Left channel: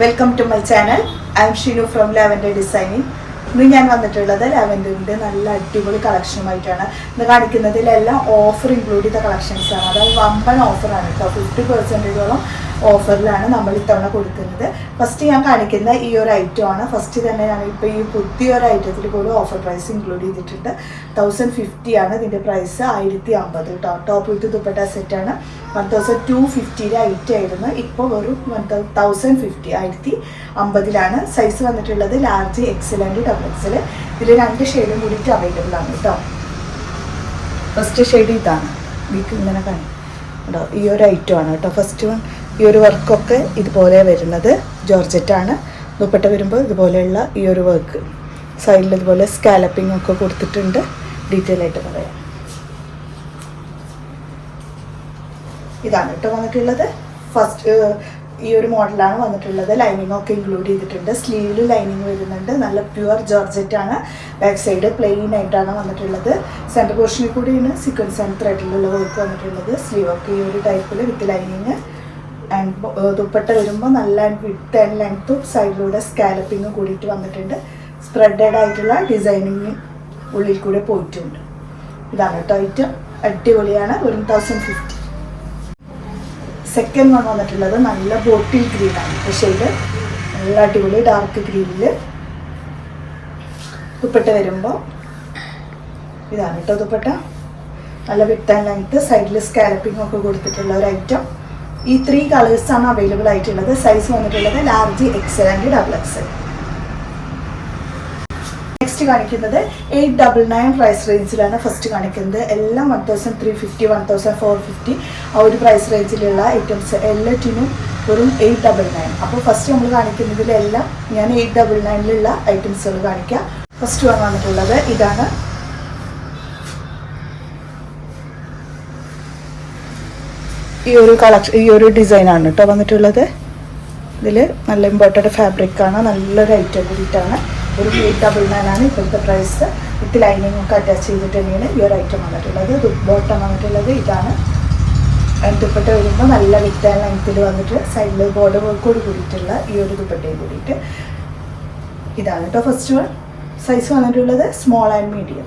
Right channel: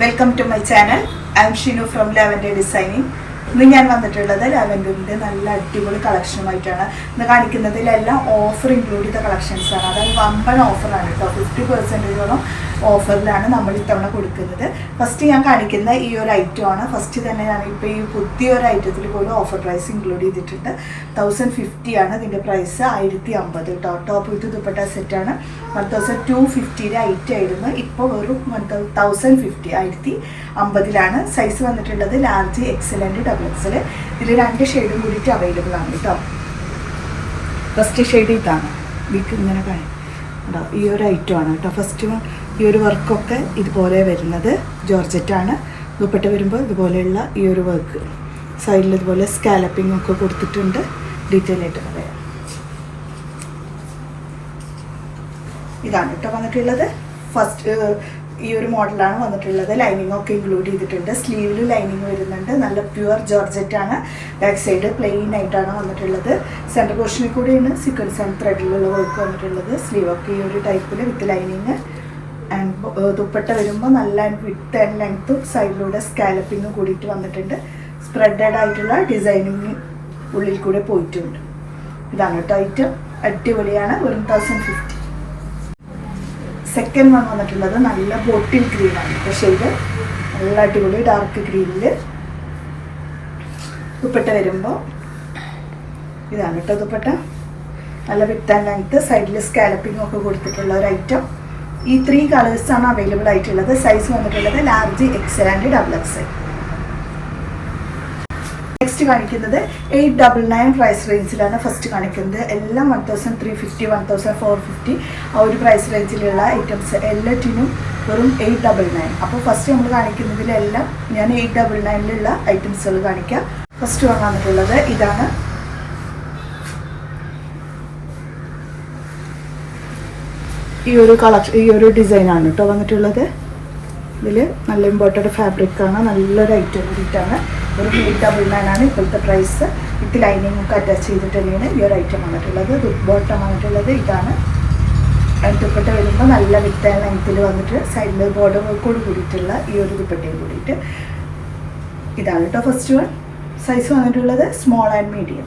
Welcome to my channel I am Shinu from lavender designing ഇന്ന് ഞാൻ വന്നിട്ടുള്ളത് ലാവൻഡറിന്റെ നല്ല അടിപൊളി കളക്ഷനുമായിട്ടാണ് ഇന്ന് കാണിക്കുന്നതിലെല്ലാം ഓഫർ ഇൻക്ലൂഡ് ചെയ്ത കളക്ഷൻസാണ് അതായത് വമ്പൻ ഓഫറാണ് കേട്ടോ. ഫിഫ്റ്റി പെർസെന്റേജോളം ഓഫറിലാണ് നമ്മൾ ഇത്തവണ കൊടുക്കുന്നത്. ഫസ്റ്റ് ഞാൻ കാണിക്കുന്ന ഈ ഒരു ഐറ്റം ആണ്. ഫസ്റ്റ് തന്നെ ഞാൻ ഇപ്പോൾ ഈ പുതിയ ഒരു ഐറ്റത്തിൽ കൂടി ഓഫർ പ്രൈസ് ഇൻക്ലൂഡ് ചെയ്തിട്ടുണ്ട്. തൗസൻഡ് ഫിഫ്റ്റി ആണ്. ഇതിന്റെ പ്രൈസ് ആയിരത്തി അമ്പത് കേട്ടോ ടോപ്പ് വിത്ത് ദുപ്പട്ട സെറ്റാണ് വൺ തൗസൻഡ് ടു ഫിഫ്റ്റിയിലെ ഐറ്റം ആയിരുന്നു. ഇപ്പോൾ ഒരു വൺ തൗസൻഡ് ഫിഫ്റ്റി ആയിരത്തി അമ്പതിലാണ് സൈസ് വന്നിട്ടുള്ളത് ലാർജ് എക്സലന്റ് ഡബിൾ എക്സിൽ ഇതിൽ രണ്ട് ഷെയ്ഡും കൂടിയിട്ട് അവൈലബിൾ ആണ് കേട്ടോ. ഫസ്റ്റ് ഷെയ്ഡ് ഇതാണ്. വീക്ക് ഇങ്ങനെ കാണും. കേട്ടോ ഈ ഒരു ഐറ്റം ആണ് കേട്ടോ. ഫസ്റ്റ് വൺ ഈ ഒരു വർക്കൊക്കെ ഇതുപോലെ വരുന്നത്. ജോർജറ്റാണ്. ദുപ്പട്ട വരുമ്പോൾ ഇതുപോലെയുള്ള ഈ ഒരു വർക്ക് സൈഡിൽ ഇതുപോലെ സ്കാലപ്പിംഗ് ഒക്കെ കൊടുത്തിട്ടുണ്ട്. ഡീറ്റെയിൽ ആയിട്ട് പറയാം. ഇതാണ് കേട്ടോ വന്നിട്ടുള്ളത്. ഫസ്റ്റ് ഈ ഒരു മോഡലാണ് വന്നിട്ടുള്ളത്. ലൈനിങ് ഒക്കെ ഇൻക്ലൂഡ് ചെയ്തിട്ടുണ്ട്. സ്ലീവിൽ ലൈനിങ് വരുന്നുണ്ട്. നല്ല പ്യുവർ ജോർജറ്റ് ആണ് ബാക്ക് സൈഡ് പ്ലെയിൻ ആയിട്ടാണ് വന്നിട്ടുള്ളത്. സെന്റർ പോർഷനിൽ കൂടിയാണ് സീക്വൻസ് ആൻഡ് ത്രെഡിലുള്ള വർക്ക് വന്നിട്ടുള്ളത്. സ്ലീവ് ഒക്കെ ഈ ഒരു ടൈപ്പിൽ വിത്ത് ലൈനിങ് ആൻഡ് ദുപ്പട്ട വരുമ്പോൾ നല്ല വിത്ത് ആൻഡ് ലെങ്ത്ത് സൈഡിലൂടെ സ്കാലപ്പിങ് കൂടിയിട്ട് വന്നിട്ടുണ്ട്. സ്പ്രെഡഡ് ആയിട്ടുള്ള ഡിസൈനിങ് ഉള്ളിൽ കൂടെ പോയിട്ടുണ്ട്. ഇതാണ് ടൈറ്റ് അടിപൊളിയാണ്. One thousand fifty second one വന്നിട്ടുള്ളത് നല്ല ബോട്ടിൽ ഗ്രീനാണ് ആണ്. ഇത് നല്ല അടിപൊളി ഡാർക്ക് ഗ്രീനിൽ ദുപ്പട്ട വരുമ്പോൾ ഇതാണ് കേട്ടോ ദുപ്പട്ട. നല്ല വിത്ത് ആൻഡ് ലെങ്ത്ത് സൈഡിൽ സ്കാലപ്പിംഗ് ഒക്കെ കൊടുത്തിട്ടുള്ള ഒരു ഐറ്റം ഈ ത്രീ കളേഴ്സാണ് അവൈലബിൾ ആയിട്ടുള്ളത്. സൈസ് വന്നിട്ടുള്ളത് large XL and double XL next കാണിക്കുന്നത് എയ്റ്റ് ഡബിൾ നയൻ പ്രൈസ് റേഞ്ചിലാണ് ഫസ്റ്റ് കാണിക്കുന്നത്. എല്ലാം one thousand three fifty one thousand four fifty ആ ഒരു പ്രൈസ് റേഞ്ചിലുള്ള ഐറ്റംസ് എല്ലാറ്റിനും വെറും എയ്റ്റ് ഡബിൾ നയൻ അപ്പോൾ ഫസ്റ്റ് നമ്മൾ കാണിക്കുന്നതിലെല്ലാം ഞാൻ എയ്റ്റ് ഡബിൾ നയനിലുള്ള ഐറ്റംസുകൾ കാണിക്കാം. ഫസ്റ്റ് വൺ വന്നിട്ടുള്ളത് ഇതാണ് ഈ ഒരു കളക്ഷൻ ഈ ഒരു ഡിസൈനാണ് കേട്ടോ വന്നിട്ടുള്ളത്. ഇതിൽ നല്ല ഇമ്പോർട്ടന്റ് ഫാബ്രിക് ആണ് നല്ലൊരു ഐറ്റം കൂടിയിട്ടാണ് ഒരു എയ്റ്റ് ഡബിൾ ആണ് ഇപ്പോഴത്തെ പ്രൈസ് വിത്ത് ലൈനിങ് ഒക്കെ അറ്റാച്ച് ചെയ്തിട്ട് തന്നെയാണ് ഈ ഒരു ഐറ്റം വന്നിട്ടുള്ളത്. ദുബോട്ടം വന്നിട്ടുള്ളത്. ഇതാണ്. ദുപ്പട്ട വരുമ്പോൾ നല്ല വിത്ത് ലെങ്ത്തിൽ വന്നിട്ട് സൈഡിൽ ബോർഡർ വർക്കോട് കൂടിയിട്ടുള്ള ഈ ഒരു ദുപ്പട്ടയും കൂടിയിട്ട് ഇതാണ് കേട്ടോ ഫസ്റ്റ് വൺ സൈസ് വന്നിട്ടുള്ളത് സ്മോൾ ആൻഡ് മീഡിയം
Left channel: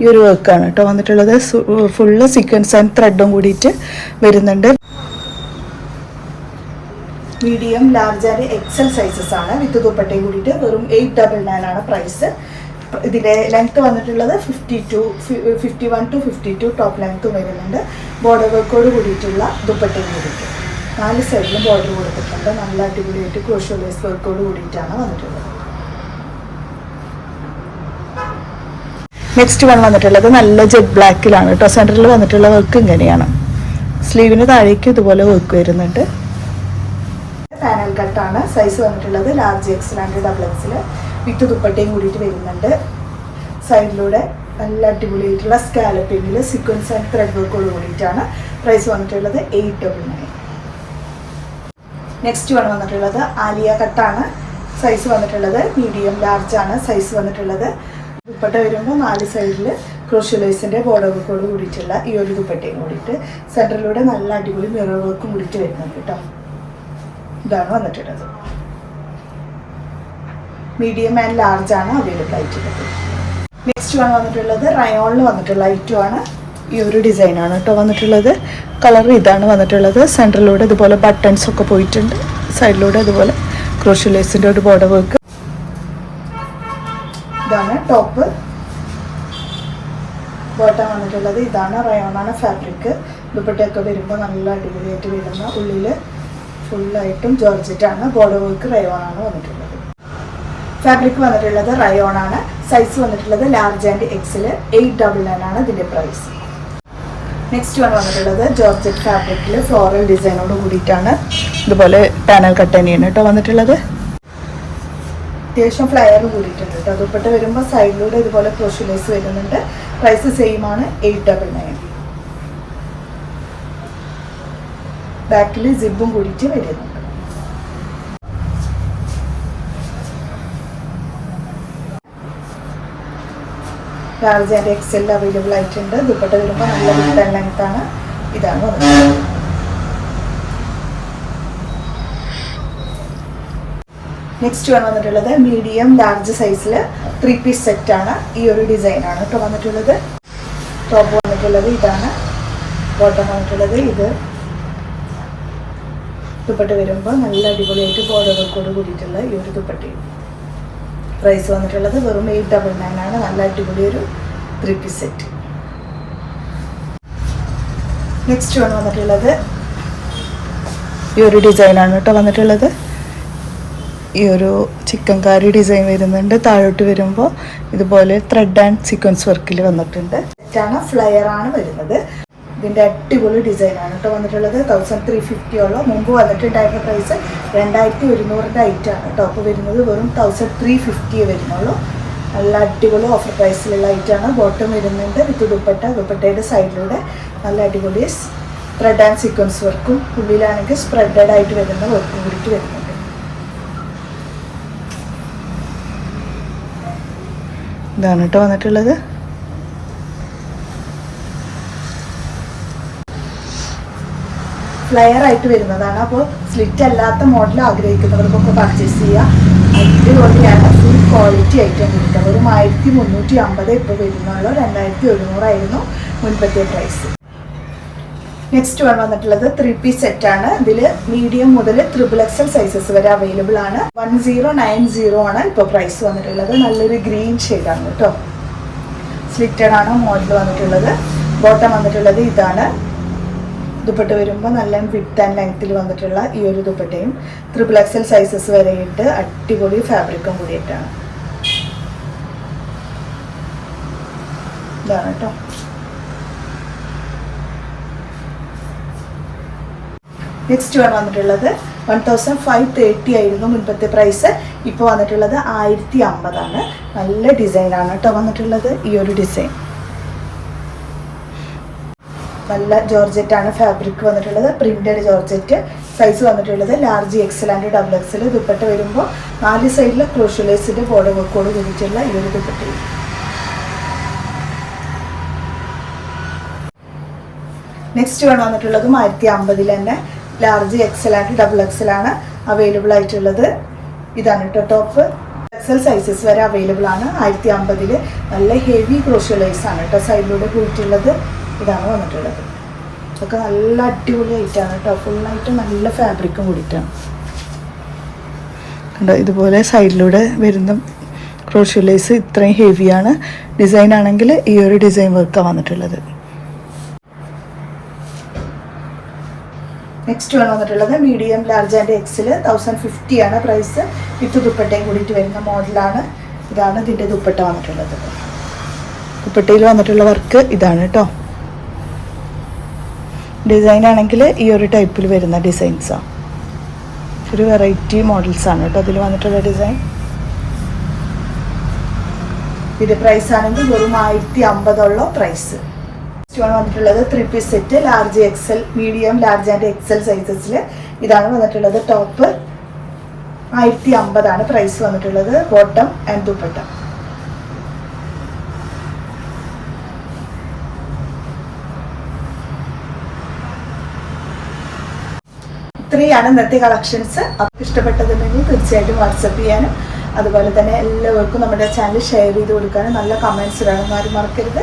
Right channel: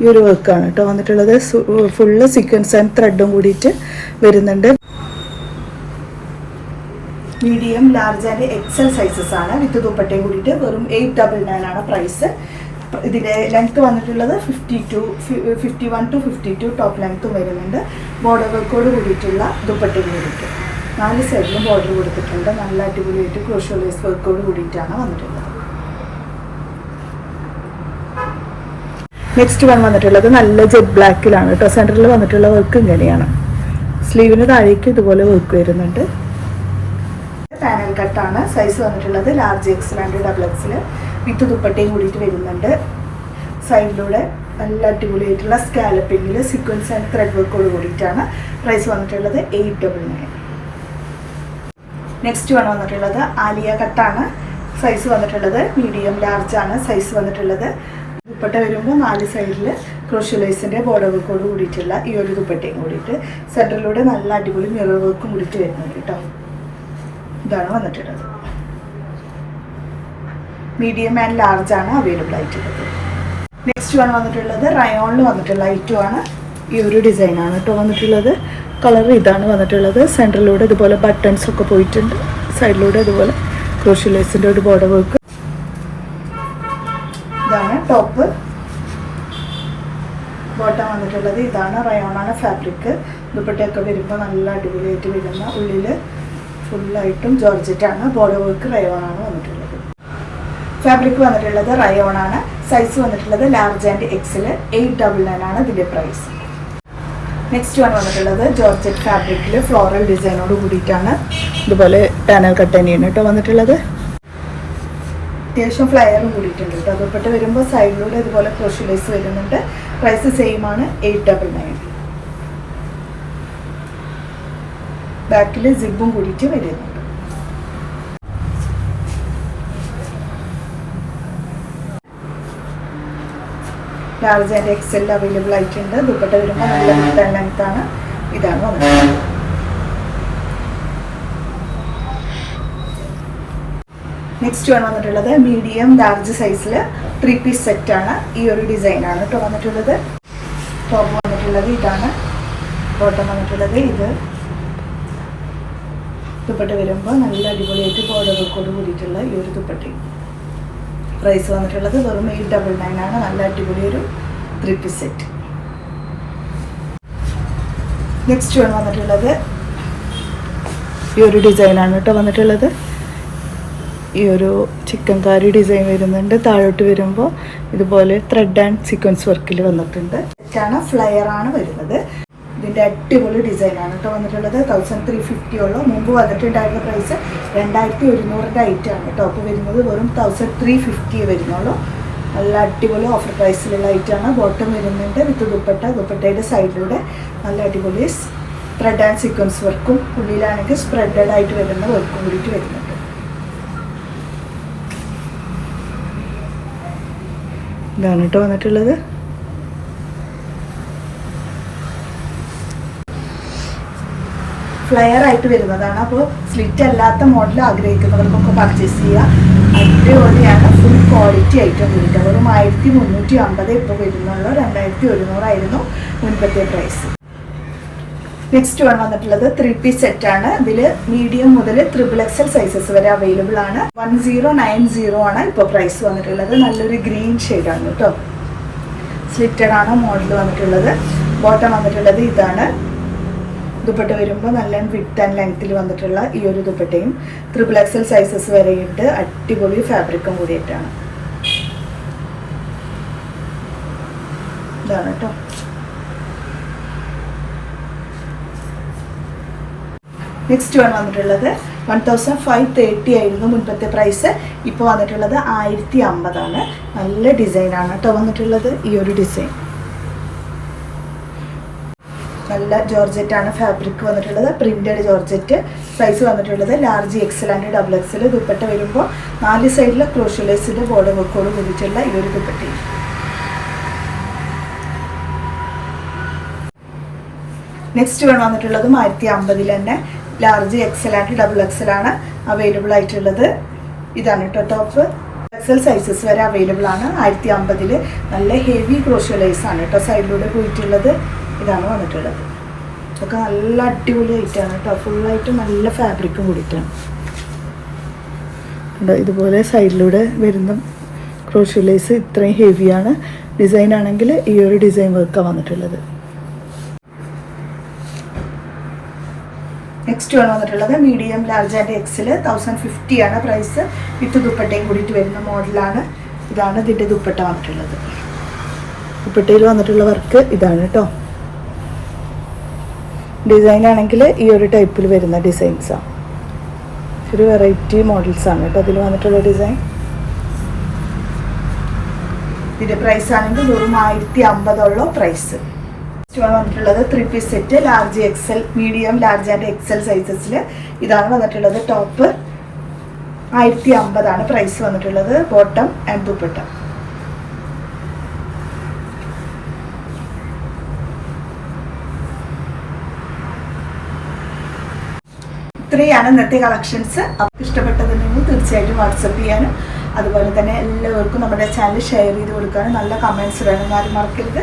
ഈ ഒരു വർക്കാണ് കേട്ടോ. വന്നിട്ടുള്ളത് ഫുള്ള് സീക്വൻസ് ആൻഡ് ത്രെഡും കൂടിയിട്ട് വരുന്നുണ്ട്. Medium large and XL sizes ആണ്. വിത്ത് ദുപ്പട്ടയും കൂടിയിട്ട് വെറും എയ്റ്റ് ഡബിൾ നയൻ ആണ് പ്രൈസ് ഇതിലെ ലെങ്ത് വന്നിട്ടുള്ളത് fifty two fifty one two fifty two top ലെങ്ത്തും വരുന്നുണ്ട് ബോർഡർ വർക്കോട് കൂടിയിട്ടുള്ള ദുപ്പട്ടയും കൂടിയിട്ട്. നാല് സൈഡിലും ബോർഡർ കൊടുത്തിട്ടുണ്ട്. നല്ല അടിപൊളിയായിട്ട് ക്രോഷ്യൂലേഴ്സ് വർക്കോട് കൂടിയിട്ടാണ് വന്നിട്ടുള്ളത്. നെക്സ്റ്റ് വൺ വന്നിട്ടുള്ളത് നല്ല ജെറ്റ് ബ്ലാക്കിലാണ് കേട്ടോ സെന്ററിൽ വന്നിട്ടുള്ള വർക്ക് ഇങ്ങനെയാണ്. സ്ലീവിന് താഴേക്ക് ഇതുപോലെ വർക്ക് വരുന്നുണ്ട്. പാനൽ കട്ടാണ് സൈസ് വന്നിട്ടുള്ളത് ലാർജ് എക്സ് ആൻഡ് ഡബിൾ എക്സിൽ വിത്ത് ദുപ്പട്ടയും കൂടിയിട്ട് വരുന്നുണ്ട്. സൈഡിലൂടെ നല്ല അടിപൊളിയായിട്ടുള്ള സ്കാലപ്പിങ്ങിൽ സീക്വൻസ് ആൻഡ് ത്രെഡ് വർക്കോട് കൂടിയിട്ടാണ്. പ്രൈസ് വന്നിട്ടുള്ളത് eight double nine next one വന്നിട്ടുള്ളത് ആലിയ കട്ടാണ് സൈസ് വന്നിട്ടുള്ളത് മീഡിയം ലാർജ് ആണ്. സൈസ് വന്നിട്ടുള്ളത് ദുപ്പട്ട വരുമ്പോൾ നാല് സൈഡിൽ ക്രോഷ്യലൈസിന്റെ ബോർഡർ വർക്കോട് കൂടിയിട്ടുള്ള ഈ ഒരു ദുപ്പട്ടയും കൂടിയിട്ട് സെന്ററിലൂടെ നല്ല അടിപൊളി മിറർ വർക്കും കൂടിയിട്ട് വരുന്നുണ്ട് കേട്ടോ. ഇതാണ് വന്നിട്ടുള്ളത്. മീഡിയം ആൻഡ് ലാർജ് ആണ് അവൈലബിൾ ആയിട്ടുള്ളത്. നെക്സ്റ്റ് വൺ വന്നിട്ടുള്ളത് റയോണിൽ വന്നിട്ടുള്ള ഐറ്റം ആണ്. ഈ ഒരു ഡിസൈനാണ് കേട്ടോ വന്നിട്ടുള്ളത്. കളർ ഇതാണ് വന്നിട്ടുള്ളത്. സെന്ററിലൂടെ ഇതുപോലെ ബട്ടൺസ് ഒക്കെ പോയിട്ടുണ്ട്. സൈഡിലൂടെ ഇതുപോലെ ക്രോഷ്യലൈസിന്റെ ഒരു ബോർഡർ വർക്ക് ടോപ്പ്. ബോട്ടം വന്നിട്ടുള്ളത് ഇതാണ്. റയോണാണ് ഫാബ്രിക് ദുപ്പട്ടയൊക്കെ വരുമ്പോൾ നല്ല അടിപൊളിയായിട്ട് വരുന്ന ഉള്ളിൽ ഫുള്ളായിട്ടും ജോർജറ്റാണ്. ബോർഡർ വർക്ക് റയോണാണ് വന്നിട്ടുള്ളത്. ഫാബ്രിക് വന്നിട്ടുള്ളത് റയോണാണ്. സൈസ് വന്നിട്ടുള്ളത് large and XL eight double nine ആണ് ഇതിന്റെ പ്രൈസ് നെക്സ്റ്റ് വൺ വന്നിട്ടുള്ളത് ജോർജറ്റ് ഫാബ്രിക്കിൽ ഫ്ലോറൽ ഡിസൈനോട് കൂടിയിട്ടാണ്. ഇതുപോലെ പാനൽ കട്ട് തന്നെയാണ് കേട്ടോ വന്നിട്ടുള്ളത്. അത്യാവശ്യം ഫ്ലയർ കൂടിയിട്ടുണ്ട് കേട്ടോ അതുപെട്ട് വരുമ്പോൾ സൈഡിലൂടെ ഇതുപോലെ ക്രോഷ്യലൈസ് വരുന്നുണ്ട്. പ്രൈസ് സെയിം ആണ് എയ്റ്റ് ഡബിൾ നയൻ ബാക്കിൽ സിബും കൂടിയിട്ട് വരുന്നുണ്ട് ലാർജ് ആൻഡ് എക്സെല്ലാം അവൈലബിൾ ആയിട്ടുണ്ട്. ദുപ്പട്ട വരുമ്പോൾ നല്ല ലെങ്ത്താണ് ഇതാണ് നെക്സ്റ്റ് വൺ വന്നിട്ടുള്ളത് മീഡിയം ലാർജ് സൈസിൽ ത്രീ പീസ് സെറ്റ് ആണ്. ഈ ഒരു ഡിസൈനാണ് കേട്ടോ വന്നിട്ടുള്ളത്. ടോപ്പ് വന്നിട്ടുള്ളത് ഇതാണ്. ബോട്ടം വന്നിട്ടുള്ളത് ഇത്. ദുപ്പട്ട വരുമ്പോൾ നല്ല അടിപൊളിയായിട്ട് ബോർഡറുകൾക്കോട് കൂടിയിട്ടുള്ള ഈ ഒരു ദുപ്പട്ട പ്രൈസ് വന്നിട്ടുള്ളത് വെറും എയ്റ്റ് ഡബിൾ നയൻ ആണ്. നല്ല അടിപൊളി ഒരു three piece set next one വന്നിട്ടുള്ളത് ഈ ഒരു ഡിസൈനാണ് കേട്ടോ വന്നിട്ടുള്ളത്. ഈ ഒരു ചിക്കൻ കാരി ഡിസൈൻ വരുന്നുണ്ട്. താഴോട്ട് വരുമ്പോൾ ഇതുപോലെ ത്രെഡ് ആൻഡ് സീക്വൻസ് വർക്കിൽ വന്നിട്ടുണ്ട്. ഇതാണ് ഫ്ലയർ ആണ് വരുന്നത്. ഇതിന്റെ അടിപൊളി ഡിസൈനാണ് കേട്ടോ വന്നിട്ടുള്ളത്. തൗസൻഡ് ത്രീ ഫിഫ്റ്റിയോളം മുമ്പ് വന്നിട്ടുണ്ടായിരുന്ന പ്രൈസ് രണ്ടായിരത്തി ഒരുന്നൂറിന്റെ ഐറ്റമാണ് കേട്ടോ അപ്പോൾ വരുന്നത് വെറും തൗസൻഡ് ത്രീ ഫിഫ്റ്റി വരുന്നുള്ളൂ നല്ല അടിപൊളി ഓഫർ പ്രൈസിലുള്ള ഐറ്റമാണ് ബോട്ടം വരുന്നുണ്ട് വിത്ത് ദുപ്പട്ട. ദുപ്പട്ടയുടെ സൈഡിലൂടെ നല്ല അടിപൊളി ത്രെഡ് ആൻഡ് സീക്വൻസ് വർക്കും ഉള്ളിലാണെങ്കിൽ സ്പ്രെഡഡ് ആയിട്ട് വരുന്ന വർക്കും കൂടിയിട്ട് വരുന്നുണ്ട്. ഇതാണ് കേട്ടോ വന്നിട്ടുള്ളത്. ഫ്ലെയർ ആയിട്ട് വരുന്നതാണ്. അപ്പോൾ സ്ലിറ്റ് അല്ലാത്ത മോഡൽ ആഗ്രഹിക്കുന്നവർക്കൊക്കെ പർച്ചേസ് ചെയ്യുക. അടിപൊളിയാണ് ഫുൾ ക്വാളിറ്റി ഐറ്റം വരുന്നത്. ഒരു ആയിരത്തി മുന്നൂറ്റി അമ്പത് ഇപ്പോൾ വരുന്നുള്ളൂ. രണ്ടായിരത്തി ഒരുന്നൂറായിരുന്നു മുൻപത്തെ പ്രൈസ് നെക്സ്റ്റ് വൺ വന്നിട്ടുള്ളത് ത്രീ പീസ് സെറ്റ് ആണ്. ഇതിൽ മീഡിയം മുതൽ ത്രിബിൾ എക്സൽ സൈസസ് വരെ അവൈലബിൾ ആണ്. വൺ സീറോ നയൻ സീറോ ആണ് ഇപ്പോൾ പ്രൈസ് വന്നിട്ടുള്ളത്. നല്ലൊരു ഗ്രീൻ ഷെയ്ഡാണ് കേട്ടോ. സ്ലിറ്റഡ് ആണ് മോഡൽ വന്നിട്ടുള്ളത്. ബോട്ടം വന്നിട്ടുള്ളത് ഇതാണ്. ദുപ്പട്ട വരുമ്പോൾ നല്ല വിട്ട് ആൻഡ് ലെങ്ത്തിൽ വന്നിട്ടുള്ള ഈ ഒരു ദുപ്പട്ടയും ത്രിബിൾ എക്സൽ സൈസസ് വരെയിട്ട് അടിപൊളി ഫാബ്രിക്കും കൂടിയിട്ടാണ്. ഇതാണ് കേട്ടോ. നെക്സ്റ്റ് വൺ വന്നിട്ടുള്ളത് വൺ തൗസൻഡ് ഫൈവ് തേർട്ടി ആയിരുന്നു മുൻപത്തെ പ്രൈസ് ഇപ്പോൾ വന്നിട്ടുള്ളത് ആയിരത്തി അമ്പതാണ് നല്ല ഡിസൈനാണ് കേട്ടോ വന്നിട്ടുള്ളത് ഈ ഒരു ഡിസൈൻ നല്ല ജോർജറ്റ് ആണ് ഫാബ്രിക് വന്നിട്ടുള്ളത്. Printed georgette. സൈസ് വന്നിട്ടുള്ളത് large XL and double XL dupatta വരുമ്പോൾ നാല് സൈഡിൽ ക്രോഷ്യലേഴ്സിന്റെ ബോർഡർ വർക്കോട് കൂടിയിട്ടുള്ള ഈ ഒരു ദുപ്പട്ടയും. നെക്സ്റ്റ് വൺ വന്നിട്ടുള്ളതും ആയിരത്തി അമ്പതിൽ തന്നെ. Large XL and double XL ആണ് അവൈലബിൾ ആയിട്ടുള്ളത്. ഇതാണ് കേട്ടോ ടോപ്പ് എക്സൽ സൈസസ് വരെ അവൈലബിൾ ആണ്. ആയിരത്തി അമ്പതിൽ നല്ല ഹെവി ക്രോഷ്യലൈസ് ആണ് കേട്ടോ സൈഡിലൂടെ പോയിട്ടുള്ളത്. ഇതാണ് വന്നിട്ടുള്ളത്. ഒക്കെ നല്ല അടിപൊളി ആയിട്ടാണ് കേട്ടോ. ഫുള്ളായിട്ട് നല്ല ഫാബ്രിക്കും കൂടിയിട്ടാണ്. കണ്ടോ ഇതുപോലെ സൈഡിലൂടെ വരുന്ന ക്രോഷ്യലൈസ് ഇത്രയും ഹെവിയാണ് ഡിസൈൻ ആണെങ്കിൽ ഈ ഒരു ഡിസൈൻ വർക്കാണ് വന്നിട്ടുള്ളത്. നെക്സ്റ്റ് ആണ് വന്നിട്ടുള്ളത് medium large and XL thousand fifty ആണ് പ്രൈസ് വിത്ത് ദുപ്പട്ടയും കൂടിയിട്ട് വരുന്ന മോഡലാണ് ഇതാണ് ഇതിന്റെ ദുപ്പട്ട വന്നിട്ടുള്ളത്. ദുപ്പട്ടയിൽ വന്നിട്ടുള്ള വർക്ക് ഇതാണ് കേട്ടോ ഡിസൈൻ ആണെങ്കിൽ ഈ ഒരു ടൈപ്പിൽ വരുന്ന ഡിസൈൻസാണ് ഒരു വെറൈറ്റി മോഡൽസാണ് കേട്ടോ അതിൽ വന്നിട്ടുള്ള ഡിസൈൻ ഇതിന്റെ പ്രൈസ് ആണെങ്കിൽ വെറും ആയിരത്തി അമ്പതുള്ള പ്രൈസ് ആണ് വന്നിട്ടുള്ളത് three piece set large XL medium large and XL സൈസസിൽ ഇതാണ് വന്നിട്ടുള്ളത്. ടോപ്പ് ആയിരത്തി അമ്പതാണ് പ്രൈസ് വന്നിട്ടുള്ളത്. Bottom and dupatta. ഇത്രയാണ് ഇന്നത്തെ കളക്ഷൻസ് ഇഷ്ടപ്പെട്ടതുണ്ടെങ്കിൽ തീർച്ചയായിട്ടും വാട്സപ്പ് ചെയ്യാനും അതുപോലെ തന്നെ എല്ലാവർക്കും നമ്മുടെ ചാനൽ ഷെയർ ചെയ്ത് കൊടുക്കാനും നല്ല കമൻസ് വേണം മറക്കരുത്.